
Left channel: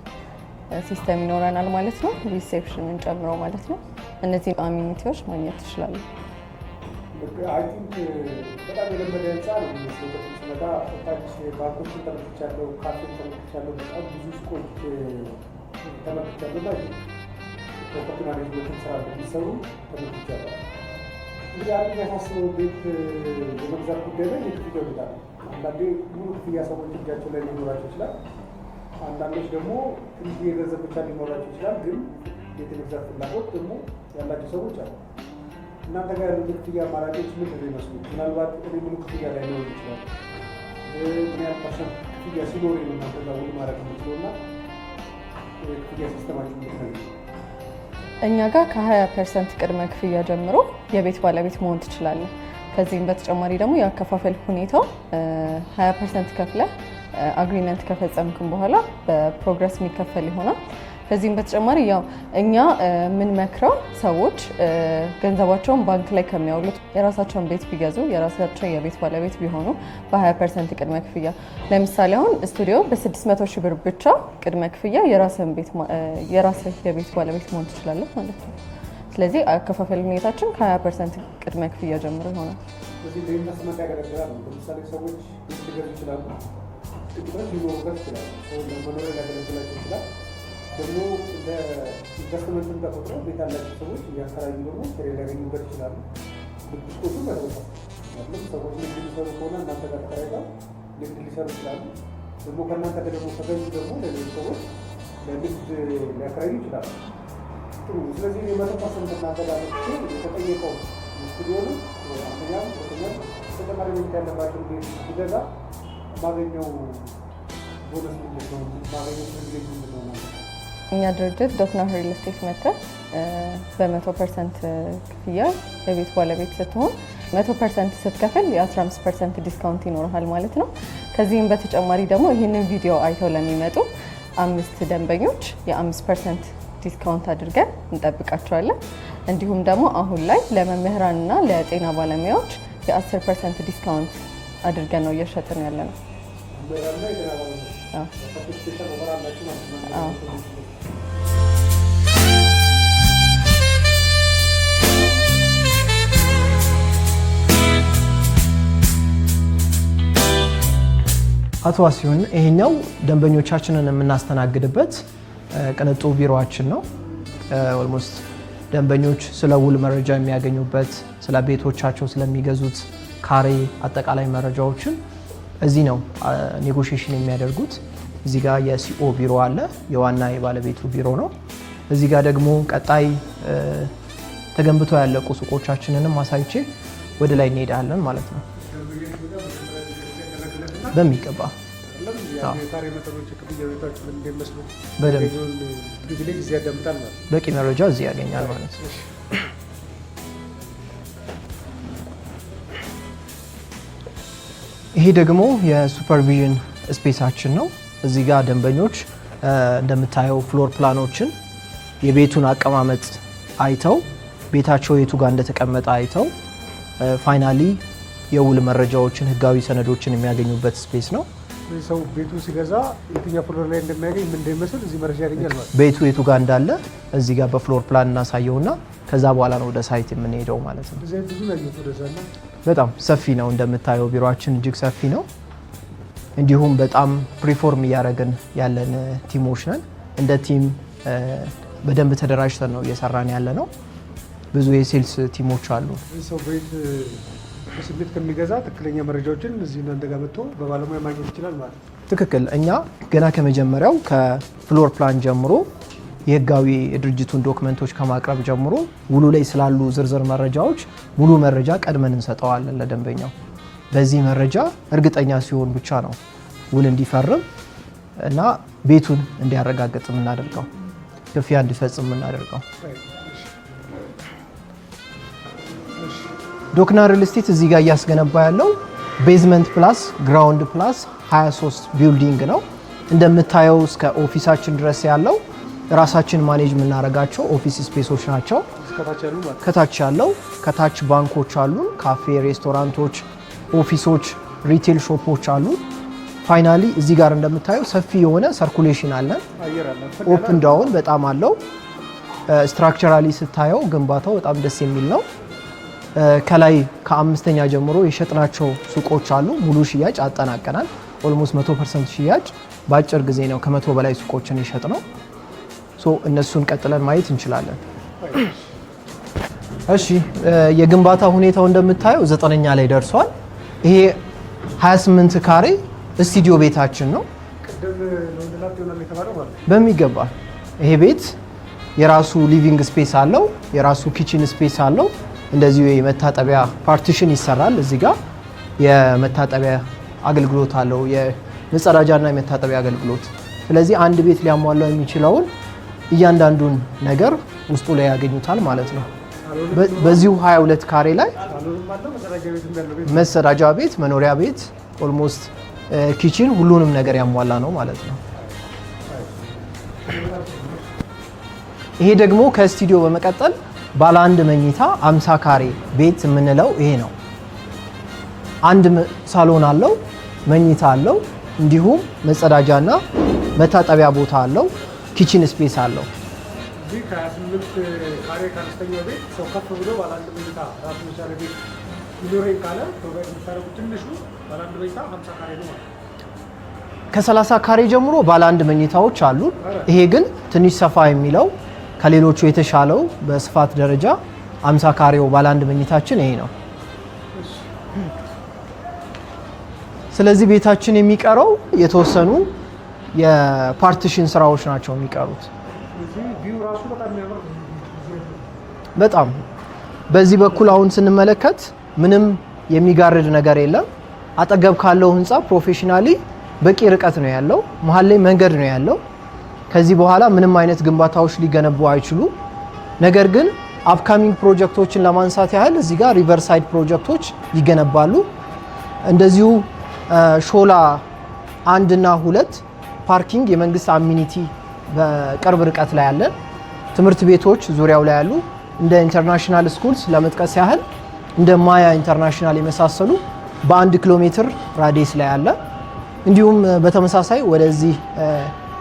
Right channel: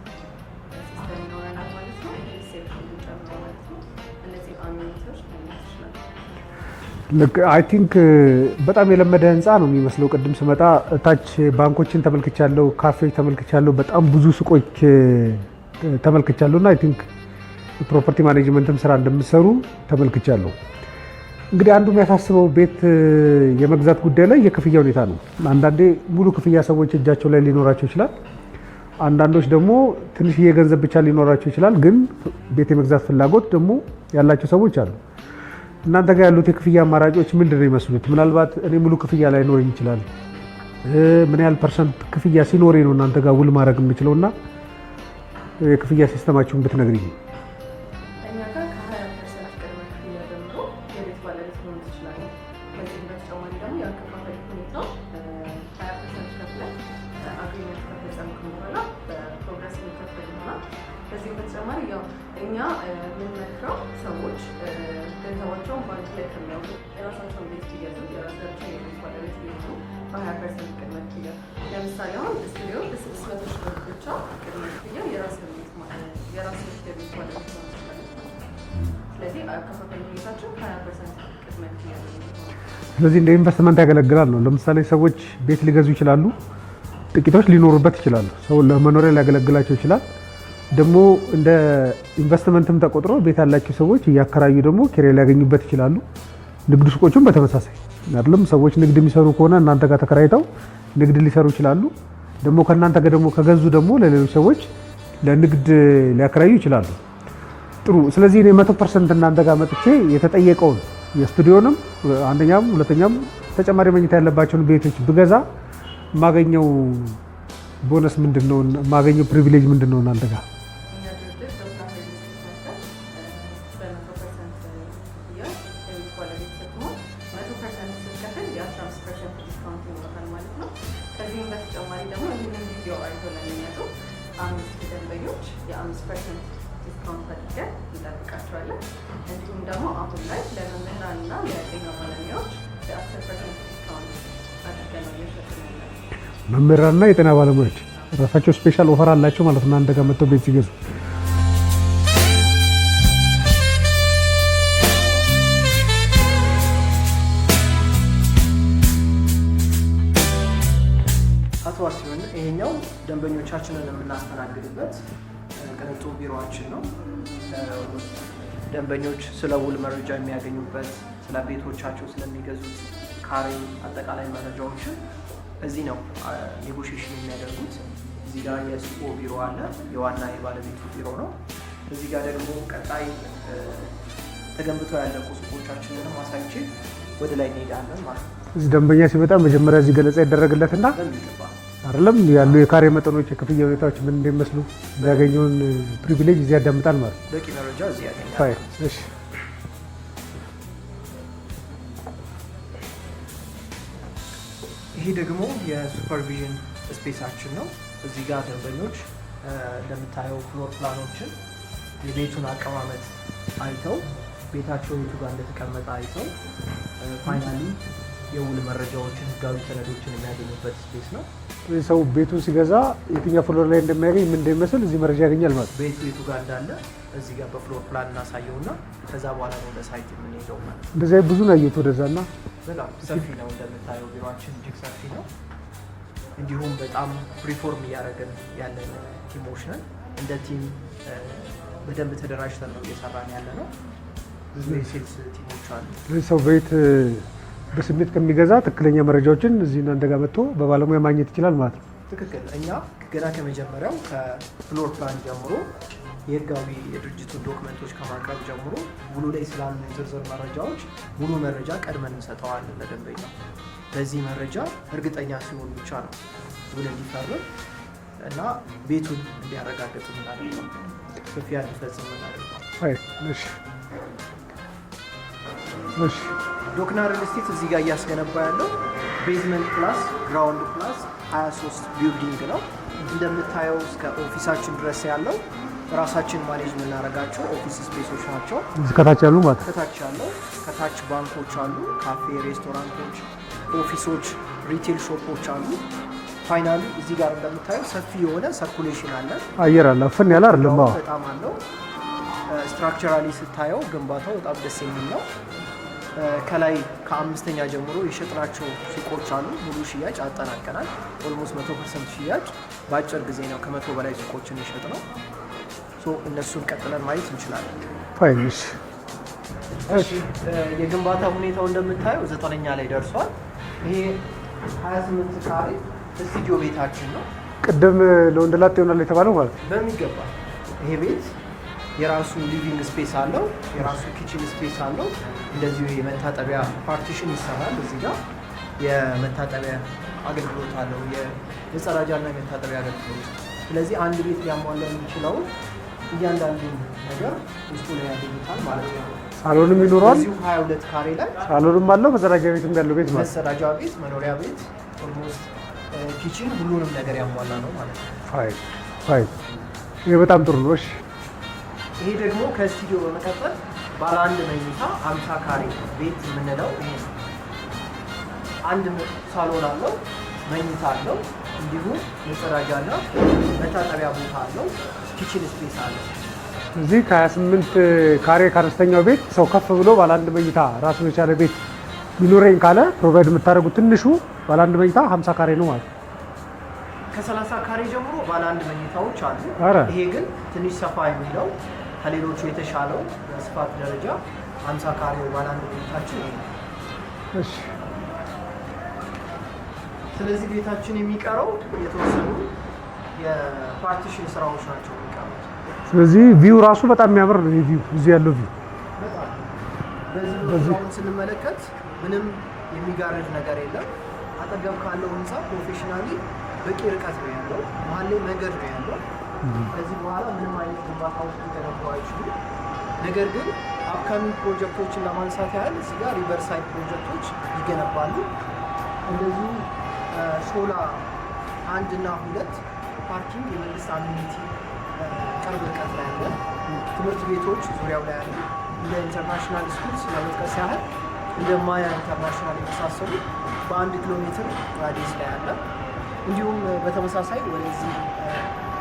ሲስተም ይኖረናል ማለት ነው። ሪሴፕሽንን ጨምሮ ማለት ነው። እነዚህ አሚኒቲዎች ማግኘት ትችላሉ። አይ ቲንክ በጣም የለመደ ህንፃ ነው የሚመስለው። ቅድም ስመጣ ታች ባንኮችን ተመልክቻለሁ፣ ካፌዎች ተመልክቻለሁ፣ በጣም ብዙ ሱቆች ተመልክቻለሁ እና አይ ቲንክ የፕሮፐርቲ ማኔጅመንትም ስራ እንደምትሰሩ ተመልክቻለሁ። እንግዲህ አንዱ የሚያሳስበው ቤት የመግዛት ጉዳይ ላይ የክፍያ ሁኔታ ነው። አንዳንዴ ሙሉ ክፍያ ሰዎች እጃቸው ላይ ሊኖራቸው ይችላል። አንዳንዶች ደግሞ ትንሽዬ ገንዘብ ብቻ ሊኖራቸው ይችላል። ግን ቤት የመግዛት ፍላጎት ደግሞ ያላቸው ሰዎች አሉ። እናንተ ጋር ያሉት የክፍያ አማራጮች ምንድን ነው ይመስሉት? ምናልባት እኔ ሙሉ ክፍያ ላይ ኖረኝ ይችላል። ምን ያህል ፐርሰንት ክፍያ ሲኖሬ ነው እናንተ ጋር ውል ማድረግ የምችለው እና የክፍያ ሲስተማችሁን ብትነግሪኝ። እኛ ጋር ከ20% ቅድመ ክፍያ ጀምሮ የቤት ባለቤት መሆን ትችላለህ። ከዚህም በተጨማሪ ደግሞ የአከፋፈል ሁኔታው 20% ከፍለ አግሪመንት ከፈጸምክም በኋላ በፕሮግረስ የሚከፈል ይሆናል። ከዚህም በተጨማሪ ያው እኛ የምንመክረው ሰዎች ገንዘባቸውን ባንክ ላይ ከሚያውሉት የራሳቸውን ቤት ቢገዙ የራሳቸው የቤት ባለቤት ቢሆኑ በ20% ቅድመ ክፍያ። ለምሳሌ አሁን ስቱዲዮ በ600 ሺህ ብር ብቻ ቅድመ ክፍያ የራስህ የቤት ባለቤት መሆን ትችላለህ ማለት ነው። ስለዚህ አከፋፈል ሁኔታችን ከ20% ቅድመ ክፍያ ጀምሮ ይሆናል። ስለዚህ እንደ ኢንቨስትመንት ያገለግላል ነው። ለምሳሌ ሰዎች ቤት ሊገዙ ይችላሉ፣ ጥቂቶች ሊኖሩበት ይችላሉ፣ ሰው ለመኖሪያ ሊያገለግላቸው ይችላል። ደግሞ እንደ ኢንቨስትመንትም ተቆጥሮ ቤት ያላቸው ሰዎች እያከራዩ ደግሞ ኪራይ ሊያገኙበት ይችላሉ። ንግድ ሱቆችም በተመሳሳይ አይደለም። ሰዎች ንግድ የሚሰሩ ከሆነ እናንተ ጋር ተከራይተው ንግድ ሊሰሩ ይችላሉ። ደግሞ ከእናንተ ጋር ደግሞ ከገዙ ደግሞ ለሌሎች ሰዎች ለንግድ ሊያከራዩ ይችላሉ። ጥሩ። ስለዚህ እኔ 100% እናንተ ጋር መጥቼ የተጠየቀውን የስቱዲዮንም አንደኛም ሁለተኛም ተጨማሪ መኝታ ያለባቸውን ቤቶች ብገዛ የማገኘው ቦነስ ምንድን ነው? የማገኘው ፕሪቪሌጅ ምንድን ነው እናንተ ጋር? እኛ ድርጅት ዶክና ሪል ስቴት መጥተህ በ100% ክፍያ የቤት ባለቤት ስትሆን 100% ስትከፍል የ15% ዲስካውንት ይኖርሃል ማለት ነው። ከዚህም በተጨማሪ ደግሞ ይህንን ቪዲዮ አይተው ለሚመጡ 5 ደንበኞች የ5% ዲስካውንት አድርገን እንጠብቃቸዋለን። እንዲሁም ደግሞ አሁን ላይ ለመምህራንና ለጤና ባለሙያዎች የ10% ዲስካውንት አድርገን ነው እየሸጥን ያለ ነው። መምህራንና የጤና ባለሙያዎች ራሳቸው ስፔሻል ኦፈር አላቸው ማለት ነው እናንተ ጋር መጥተው ቤት ሲገዙ። አቶ ዋሲሁን ይሄኛው ደንበኞቻችንን የምናስተናግድበት ቅንጡ ቢሮአችን ነው። ኦልሞስት ደንበኞች ስለ ውል መረጃ የሚያገኙበት፣ ስለ ቤቶቻቸው ስለሚገዙት ካሬ አጠቃላይ መረጃዎችን እዚህ ነው ኔጎሽዬሽን የሚያደርጉት። እዚህ ጋር የሲኦ ቢሮ አለ፣ የዋና የባለቤቱ ቢሮ ነው። እዚህ ጋር ደግሞ ቀጣይ ተገንብተው ያለቁ ሱቆቻችንንም አሳይቼ ወደ ላይ እንሄዳለን ማለት ነው። እዚህ ደንበኛ ሲመጣ መጀመሪያ እዚህ ገለጻ ይደረግለትና በሚገባ አይደለም ያሉ የካሬ መጠኖች፣ የክፍያ ሁኔታዎች ምን እንደሚመስሉ ያገኘውን ፕሪቪሌጅ እዚህ ያዳምጣል ማለት ነው። በቂ መረጃ እዚህ ያገኛል ማለት ነው። ይሄ ደግሞ የሱፐርቪዥን ስፔሳችን ነው። እዚህ ጋር ደንበኞች እንደምታየው ፍሎር ፕላኖችን የቤቱን አቀማመጥ አይተው ቤታቸው የቱ ጋር እንደተቀመጠ አይተው ፋይናሊ የውል መረጃዎችን፣ ህጋዊ ሰነዶችን የሚያገኙበት ስፔስ ነው። ሰው ቤቱን ሲገዛ የትኛው ፍሎር ላይ እንደሚያገኝ ምን እንደሚመስል እዚህ መረጃ ያገኛል ማለት ነው። ቤቱ የቱ ጋር እንዳለ እዚህ ጋር በፍሎር ፕላን እናሳየውና ከዛ በኋላ ነው ወደ ሳይት የምንሄደው ማለት ነው። እንደዚህ ብዙ ነው ያየሁት ወደዛና በጣም ሰፊ ነው እንደምታየው፣ ቢሮአችን እጅግ ሰፊ ነው። እንዲሁም በጣም ሪፎርም እያደረግን ያለን ቲሞች ነን። እንደ ቲም በደንብ ተደራጅተን ነው እየሰራን ያለ ነው። ብዙ የሴልስ ቲሞች አሉ። ሰው ቤት በስሜት ከሚገዛ ትክክለኛ መረጃዎችን እዚህ እናንተ ጋር መጥቶ በባለሙያ ማግኘት ይችላል ማለት ነው። ትክክል። እኛ ገና ከመጀመሪያው ከፍሎር ፕላን ጀምሮ የህጋዊ የድርጅቱን ዶክመንቶች ከማቅረብ ጀምሮ ውሉ ላይ ስላሉ ዝርዝር መረጃዎች ሙሉ መረጃ ቀድመን እንሰጠዋለን ለደንበኛው። በዚህ መረጃ እርግጠኛ ሲሆን ብቻ ነው ውል እንዲፈርም እና ቤቱን እንዲያረጋግጥ የምናደርገው፣ ክፍያ እንዲፈጽም የምናደርገው። ዶክና ሪል ስቴት እዚህ ጋር እያስገነባ ያለው ቤዝመንት ፕላስ ግራውንድ ፕላስ 23 ቢልዲንግ ነው። እንደምታየው እስከ ኦፊሳችን ድረስ ያለው ራሳችን ማኔጅ የምናደርጋቸው ኦፊስ ስፔሶች ናቸው። ከታች ያሉ ማለት ከታች ያለው ከታች ባንኮች አሉ፣ ካፌ፣ ሬስቶራንቶች፣ ኦፊሶች፣ ሪቴል ሾፖች አሉ። ፋይናሊ እዚህ ጋር እንደምታየው ሰፊ የሆነ ሰርኩሌሽን አለ። አየር አለ፣ ፈን ያለ እንዳውም በጣም አለው። ስትራክቸራሊ ስታየው ግንባታው በጣም ደስ የሚል ነው። ከላይ ከአምስተኛ ጀምሮ የሸጥናቸው ሱቆች አሉ። ሙሉ ሽያጭ አጠናቀናል። ኦልሞስት 100% ሽያጭ በአጭር ጊዜ ነው ከ100 በላይ ሱቆችን የሸጥ ነው። እነሱን ቀጥለን ማየት እንችላለን። እሺ፣ የግንባታ ሁኔታው እንደምታየው 9ኛ ላይ ደርሷል። ይሄ 28 ካሬ ስቱዲዮ ቤታችን ነው። ቅድም ለወንደላጤ ይሆናል የተባለው ማለት ነው። በሚገባ ይሄ ቤት የራሱ ሊቪንግ ስፔስ አለው፣ የራሱ ኪችን ስፔስ አለው። እንደዚሁ የመታጠቢያ ፓርቲሽን ይሰራል። እዚህ ጋር የመታጠቢያ አገልግሎት አለው፣ የመጸዳጃና የመታጠቢያ አገልግሎት። ስለዚህ አንድ ቤት ሊያሟላው የሚችለውን እያንዳንዱን ነገር ውስጡ ላይ ያገኙታል ማለት ነው። በዚሁ 22 ካሬ ላይ ሳሎንም አለው፣ መጸዳጃ ቤትም ያለው ቤት፣ መጸዳጃ ቤት፣ መኖሪያ ቤት፣ ኦልሞስት ኪችን፣ ሁሉንም ነገር ያሟላ ነው ማለት ነው። ይሄ በጣም ጥሩ ነው። ይሄ ደግሞ ከስቱዲዮ በመቀጠል ባለ አንድ መኝታ 50 ካሬ ቤት የምንለው ይሄ ነው። አንድ ሳሎን አለው፣ መኝታ አለው፣ እንዲሁም መጸዳጃና መታጠቢያ ቦታ አለው፣ ኪችን ስፔስ አለው። እዚህ ከ28 ካሬ ከአነስተኛው ቤት ሰው ከፍ ብሎ ባለ አንድ መኝታ ራሱን የቻለ ቤት ይኖረኝ ካለ ፕሮቫይድ የምታደርጉት ትንሹ ባለ አንድ መኝታ 50 ካሬ ነው ማለት ነው። ከ30 ካሬ ጀምሮ ባለ አንድ መኝታዎች አሉ። ይሄ ግን ትንሽ ሰፋ የሚለው ከሌሎቹ የተሻለው በስፋት ደረጃ 50 ካሬው ባለ አንድ መኝታችን ይሄ ነው። ስለዚህ ቤታችን የሚቀረው የተወሰኑ የፓርቲሽን ስራዎች ናቸው የሚቀሩት። ስለዚህ ቪው ራሱ በጣም የሚያምር ነው። ቪው እዚህ ያለው ቪው በጣም በዚህ በኩል አሁን ስንመለከት ምንም የሚጋርድ ነገር የለም። አጠገብ ካለው ህንፃ ፕሮፌሽናሊ በቂ ርቀት ነው ያለው። መሀል ላይ መንገድ ነው ያለው። ከዚህ በኋላ ምንም አይነት ግንባታዎች ሊገነቡ አይችሉ። ነገር ግን አፕካሚንግ ፕሮጀክቶችን ለማንሳት ያህል እዚህ ጋር ሪቨርሳይድ ፕሮጀክቶች ይገነባሉ። እንደዚሁ ሾላ 1 እና 2 ፓርኪንግ የመንግስት አሚኒቲ በቅርብ ርቀት ላይ ያለ ትምህርት ቤቶች ዙሪያው ላይ ያሉ እንደ ኢንተርናሽናል ስኩልስ ለመጥቀስ ያህል እንደ ማያ ኢንተርናሽናል የመሳሰሉ በ1 ኪሎ ሜትር ራዲየስ ላይ ያለ፣ እንዲሁም በተመሳሳይ ወደዚህ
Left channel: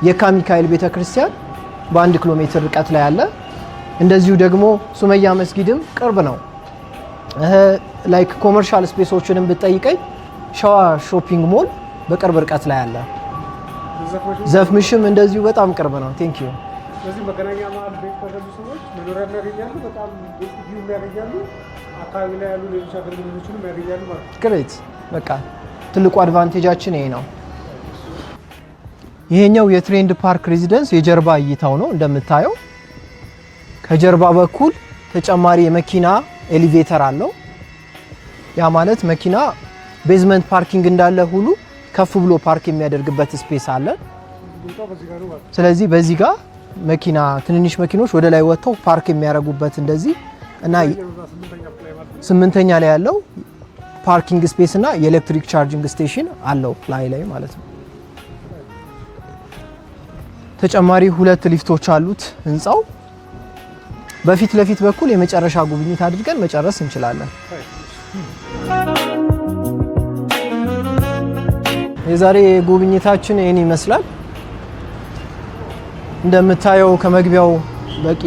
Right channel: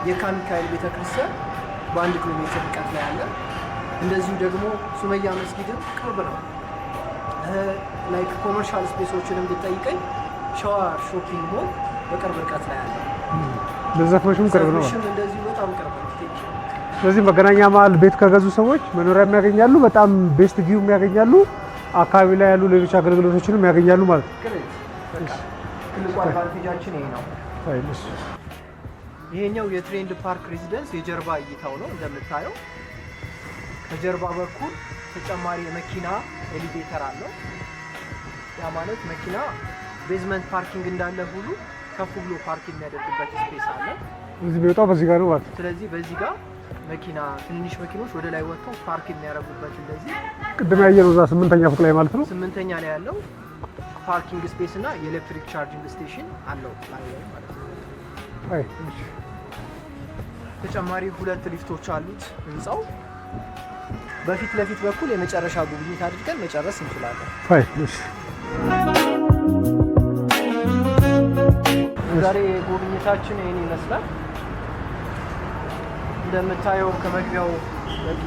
የካ ሚካኤል ቤተክርስቲያን በ1 ኪሎ ሜትር ርቀት ላይ ያለ፣ እንደዚሁ ደግሞ ሱመያ መስጊድም ቅርብ ነው። ላይክ ኮመርሻል ስፔሶችንም ብትጠይቀኝ ሸዋ ሾፒንግ ሞል በቅርብ ርቀት ላይ አለ። ዘፍምሽም እንደዚሁ በጣም ቅርብ ነው። ቴንክ ዩ። ስለዚህ መገናኛ መሀል ቤት ከገዙ ሰዎች መኖሪያ የሚያገኛሉ፣ በጣም ቤስት ቪው የሚያገኛሉ፣ አካባቢ ላይ ያሉ ሌሎች አገልግሎቶችንም ያገኛሉ ማለት ነው። ግሬት። በቃ ትልቁ አድቫንቴጃችን ይሄ ነው። ይሄኛው የትሬንድ ፓርክ ሬዚደንስ የጀርባ እይታው ነው። እንደምታየው ከጀርባ በኩል ተጨማሪ የመኪና ኤሊቬተር አለው። ያ ማለት መኪና ቤዝመንት ፓርኪንግ እንዳለ ሁሉ ከፍ ብሎ ፓርክ የሚያደርግበት ስፔስ አለ። እዚህ ቢወጣው በዚህ ጋር ነው ማለት ነው። ስለዚህ በዚህ ጋር መኪና ትንንሽ መኪኖች ወደ ላይ ወጥተው ፓርክ የሚያደርጉበት እንደዚህ እና ያየነው እዛ 8ኛ ፎቅ ላይ ማለት ነው። 8ኛ ላይ ያለው ፓርኪንግ ስፔስ እና የኤሌክትሪክ ቻርጂንግ ስቴሽን አለው ላይ ማለት ነው። ተጨማሪ 2 ሊፍቶች አሉት ህንፃው። በፊት ለፊት በኩል የመጨረሻ ጉብኝት አድርገን መጨረስ እንችላለን። የዛሬ ጉብኝታችን ይህን ይመስላል። እንደምታየው ከመግቢያው በቂ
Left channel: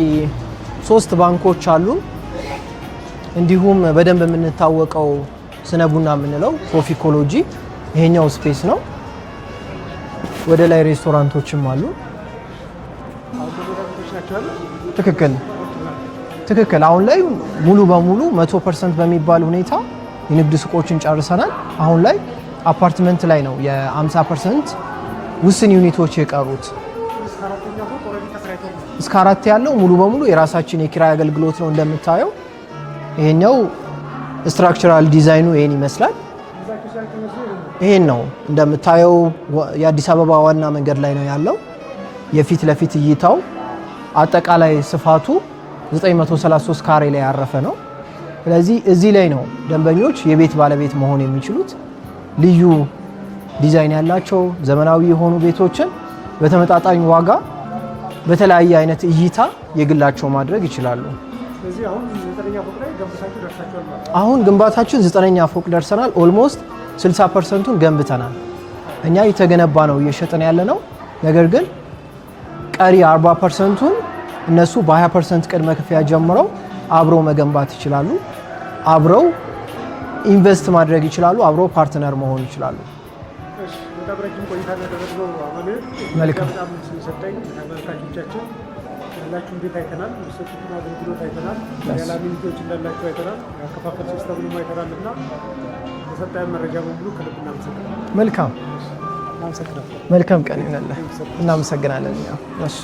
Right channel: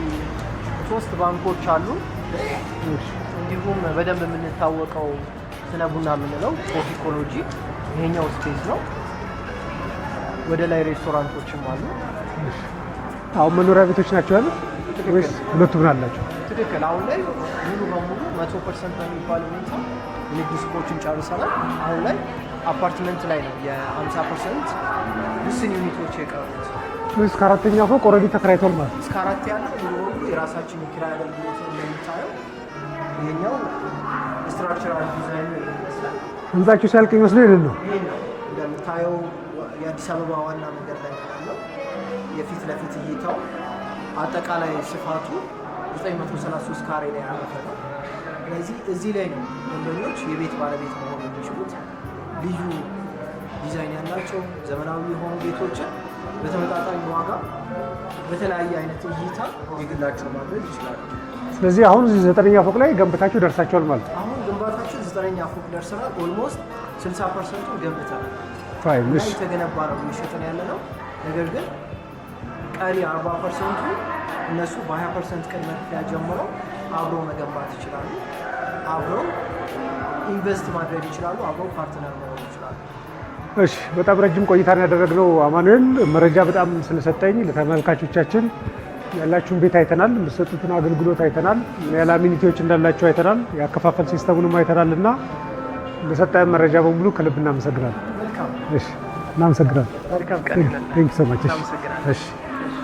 3 ባንኮች አሉ። እንዲሁም በደንብ የምንታወቀው ስነ ቡና የምንለው ትሮፊኮሎጂ ይሄኛው ስፔስ ነው። ወደ ላይ ሬስቶራንቶችም አሉ። አሁን መኖሪያ ቤቶች ናቸው ያሉ? ትክክል። ሁለቱም አላቸው? ትክክል። አሁን ላይ ሙሉ በሙሉ 100% በሚባል ሁኔታ የንግድ ሱቆችን ጨርሰናል። አሁን ላይ አፓርትመንት ላይ ነው የ50% ውስን ዩኒቶች የቀሩት። እስከ 4ኛ ፎቅ ኦልሬዲ ተከራይቷል ማለት? እስከ 4 ያለው ሙሉ በሙሉ የራሳችን የኪራይ አገልግሎት ነው። እንደምታየው ይሄኛው ስትራክቸራል ዲዛይኑ ይሄን ይመስላል። ህንጻችሁ ሲያልቅ ይመስለው ይሄን ነው? ይሄን ነው እንደምታየው የአዲስ አበባ ዋና መንገድ ላይ ነው ያለው። የፊት ለፊት እይታው አጠቃላይ ስፋቱ 933 ካሬ ላይ ያረፈ ነው። ስለዚህ እዚህ ላይ ነው ደንበኞች የቤት ባለቤት መሆን የሚችሉት። ልዩ ዲዛይን ያላቸው ዘመናዊ የሆኑ ቤቶችን በተመጣጣኝ ዋጋ በተለያየ አይነት እይታ የግላቸው ማድረግ ይችላሉ። ስለዚህ አሁን 9ኛ ፎቅ ላይ ገንብታችሁ ደርሳችኋል ማለት ነው? አሁን ግንባታችን 9ኛ ፎቅ ደርሰናል። ኦልሞስት 60%ን ገንብተናል። እኛ የተገነባ ነው እየሸጥን ያለ ነው። ነገር ግን ቀሪ 40%ን እነሱ በ20% ቅድመ ክፍያ ጀምረው አብረው መገንባት ይችላሉ። አብረው ኢንቨስት ማድረግ ይችላሉ። አብረው ፓርትነር መሆን ይችላሉ። እሺ፣ በጣም ረጅም ቆይታ ያደረግነው አማኑኤል፣ መረጃ በጣም ስለሰጠኝ ለተመልካቾቻችን ያላችሁን ቤት አይተናል፣ የምትሰጡትን አገልግሎት አይተናል፣ ያለ አሚኒቲዎች እንዳላችሁ አይተናል፣ የአከፋፈል ሲስተሙንም አይተናል እና ለሰጠን መረጃ በሙሉ ከልብ እናመሰግናለን። መልካም። እሺ፣ እናመሰግናለን። መልካም ቀን። እናመሰግናለን። እሺ